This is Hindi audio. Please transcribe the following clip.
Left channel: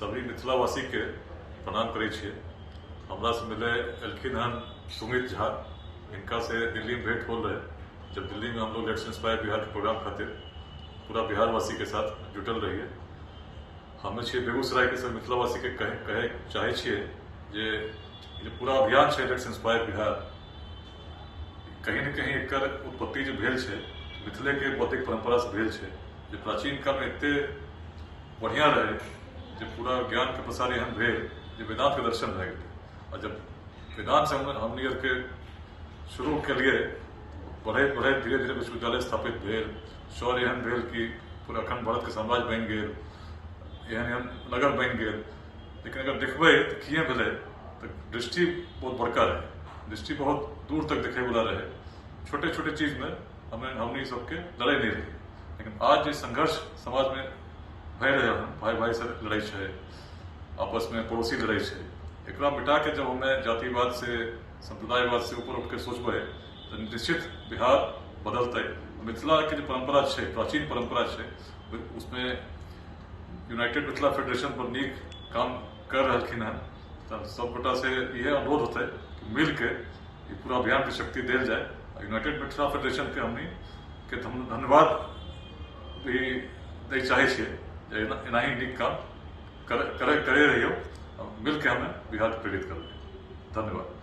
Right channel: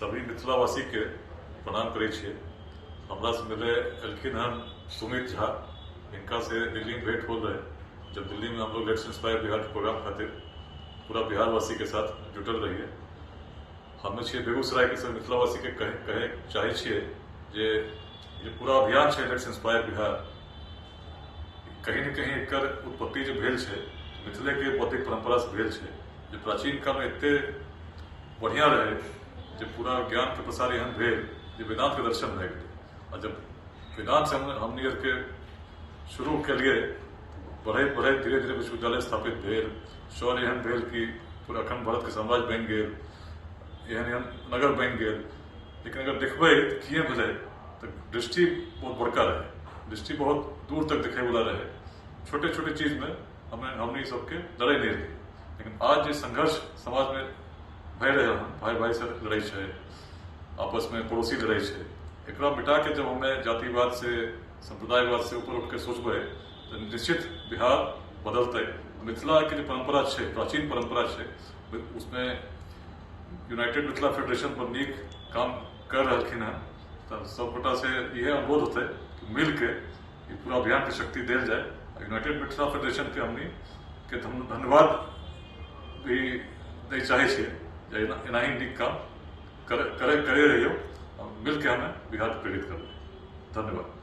सभी मिथिलावासी के प्रणाम करे छिए। हमरा से मिले एलखिन हन सुमित झा, इनका से दिल्ली में भेंट होल रहे। जब दिल्ली में हम लोग लेट्स इंस्पायर बिहार के प्रोग्राम खातिर पूरा बिहारवासी के साथ जुटल रहिए। हमें छिए बेगूसराय के सब मिथिलावासी के कहे चाहे छिए जे पूरा अभियान है लेट्स इंस्पायर बिहार, कहीं न कहीं एकर उत्पत्ति जो भेल है मिथिले के बौद्धिक परंपरा से भेल है, जो प्राचीन काल में एते बढ़िया रहे जो पूरा ज्ञान के प्रसार एहन भेल जो वेदांत के दर्शन भए गए। और जब वेदांत से हमनी के शुरू के लिए बढ़त बढ़त धीरे धीरे विश्वविद्यालय स्थापित भेल, शौर्य एहन भेल कि पूरा अखंड भारत के साम्राज्य बन गए, एहन नगर बन गए। लेकिन अगर देखबे किए भेले तो दृष्टि बहुत बड़का रहे, दृष्टि बहुत दूर तक देखे वाला रहे। छोटे छोटे चीज में हमने सबके लड़ाई नहीं रही। लेकिन आज जो संघर्ष समाज में भय रहे हैं, भाई भाई से लड़ाई है, आपस में पड़ोसी लड़ाई है, एकरा मिटा के जब हमें जातिवाद से संप्रदायवाद से ऊपर उठ के सोचबे तो निश्चित बिहार बदलते। मिथिला की जो परंपरा है, प्राचीन परंपरा है, उसमें यूनाइटेड मिथिला फेडरेशन पर नीक काम कर रहलखिन हैं। तो सब गोटा से यह अनुरोध होता है कि मिल के ये पूरा अभियान की शक्ति दिल जाए। यूनाइटेड मिथिला फेडरेशन के हमनी के धन्यवाद भी दे चाहे छे, एना ही नीक काम करे रहियो, मिल के हमें बिहार के प्रेरित कर। धन्यवाद।